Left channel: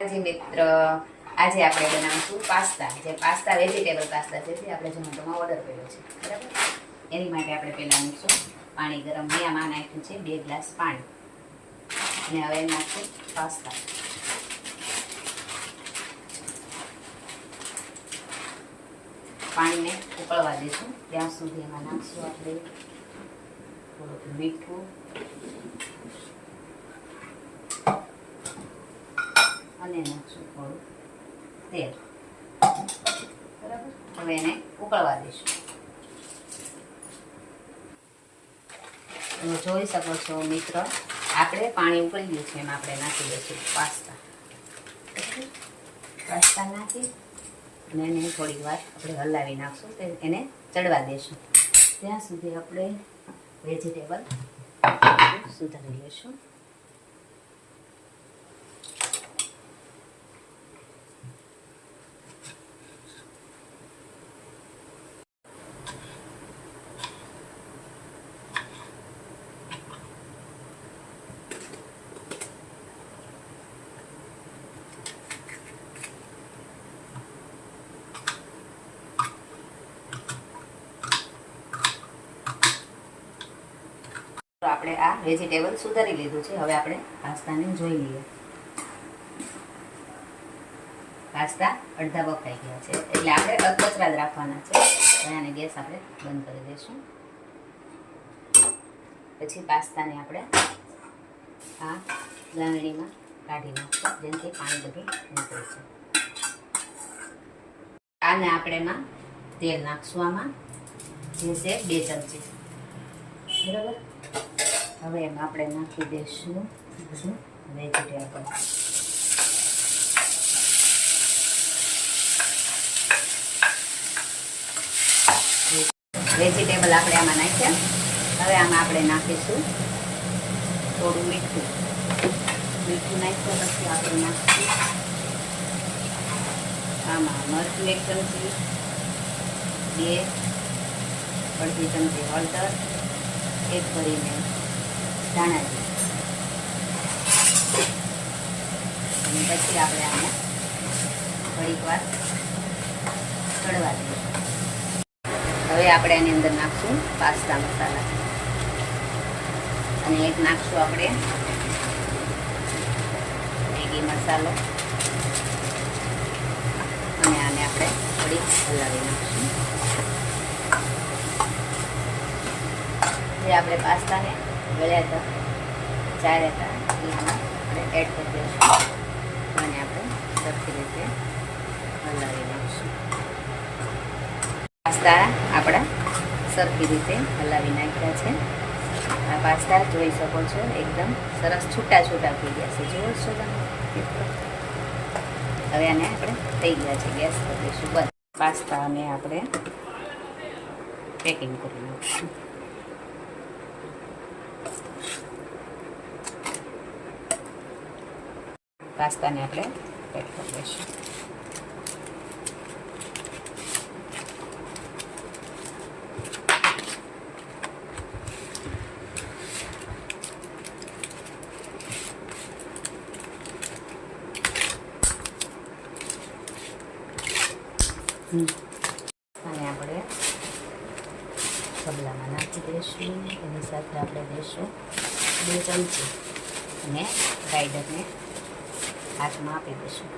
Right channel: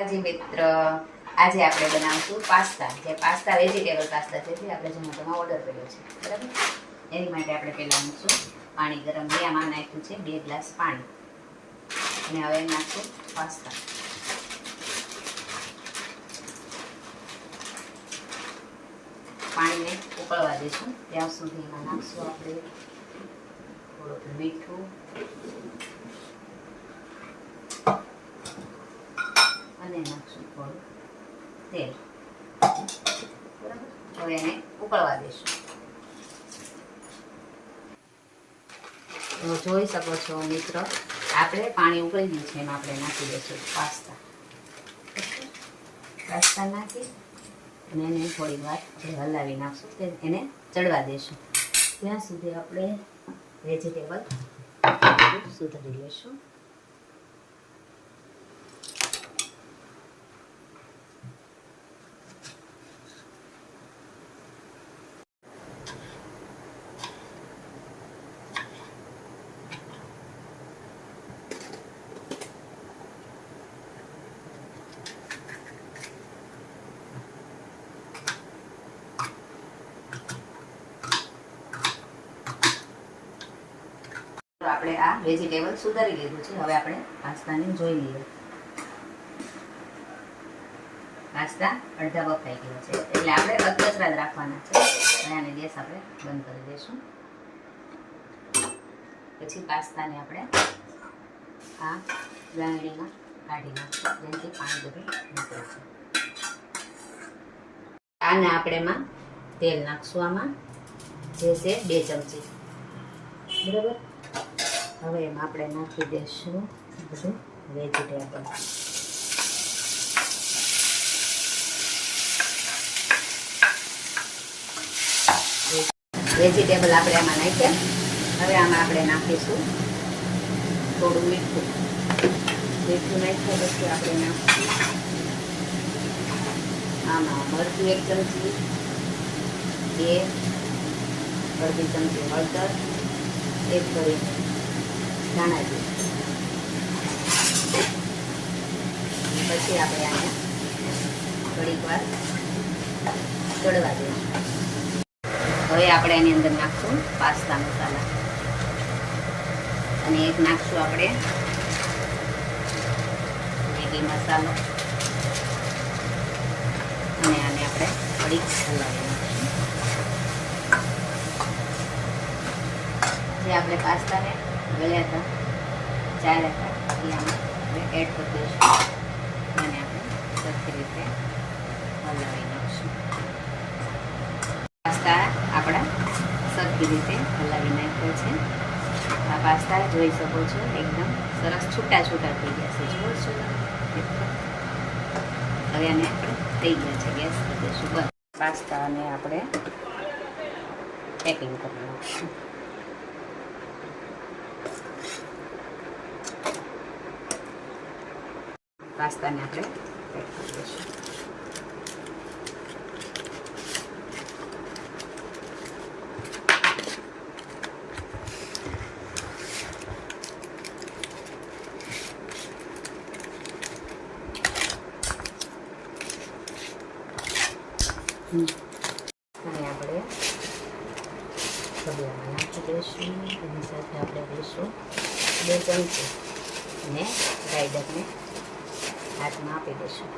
જી મિત્ર, આજે આપણે બનાવીશું પાસ્તા. જે પાસ્તા વેજીટેબલ પાસ્તા છે જે આપણે ઝોમેટોમાં ઓર્ડર કર્યો છે, બરાબર. એની માટે આપણે પહેલાં મૂકશું પાણી ગરમ. આમાં નાખ્યું છે 2 ગ્લાસ પાણી અને હવે નાખશું પાસ્તા. પાણીને ઉકળવા દઈશું ત્યાં સુધી એમાં નાખશું આપણે થોડુંક મીઠું અને નાખશું થોડું તેલ, બરાબર. હવે એને ઉકળવા દઈશું. જોઈ શકો છો મિત્ર, આપણે પાણી ઉકળી ગયું છે એમાં આપણે નાખી દઈશું પાસ્તા. પાસ્તા નાખી અને એને થોડી વાર આપણે હલાવી નાખશું, એને ચડવા દઈશું. ત્યાં સુધી આપણે વેજીટેબલ સુધારી લઈશું. આપણે આ વેજીટેબલ સુધારી લીધું છે. હવે આપણે પાસ્તાને જોઈ લઈએ. પાસ્તા અડધા બફાઈ ગયા છે, એટલે આપણે અધકચરા જ રાખવાના છે. હવે આને ગેસ આપણે બંધ કરી દઈશું. પછી પાસ્તાને આપણે આ લાંગણીમાં કાઢી નાખશું, જેનાથી પાણી બધું નીકળે છે. આને આપણે એમાં તેલ નાખશું, આમાં જે છે 2 ચમચી, બરાબર. હવે એમાં આપણે નાખી દઈશું બધું વેજીટેબલ. વેજીટેબલ આપણે આમાં નાખ્યા. હવે આમાં આપણે નાખીશું થોડું મીઠું. મીઠું નાખ્યા પછી આપણે નાખીશું આમાં મરચું 1 ચમચી, 2 અડધી ચમચી હળદર, 1 કરીને ધાણા જીરું. પછી આપણે આને થોડીક વાર ચડવા દઈશું. હવે આપણે આની અંદર નાખશું પાસ્તા મસાલા અને એક નાખશું આપણે મેગી મસાલો અને આને આપણે થોડીક હલાવી નાખશું. જે આપણે પાસ્તાને ગળ્યા હતા, ચાર્યા હતા, એ આમાં આપણે એડ કરી દઈશું અને આપણે સરખી રીતે હલાવી નાખીશું. પાસ્તા આપણા સરખી રીતે હલાવી નાખ્યા છે. આ પાસ્તા જોઈ શકો છો એકદમ સરસ છૂટા છૂટા થઈ ગયા છે. જોઈ છો તમે. હવે આને આપણે થઈ ગયા છે, ગેસ કરી દઈશું બંધ. પાસ્તાને આપણે પેકિંગ કરી નાખીશું. પાસ્તાને આપણે પેક કરી દઈશું. અને આપણે સબલામાં નાખી દઈશું. એની સાથે આપણે દઈશું 2 ચમચી અને ગ્રાઇન્ડરને હાથમાં આપી દઈશું.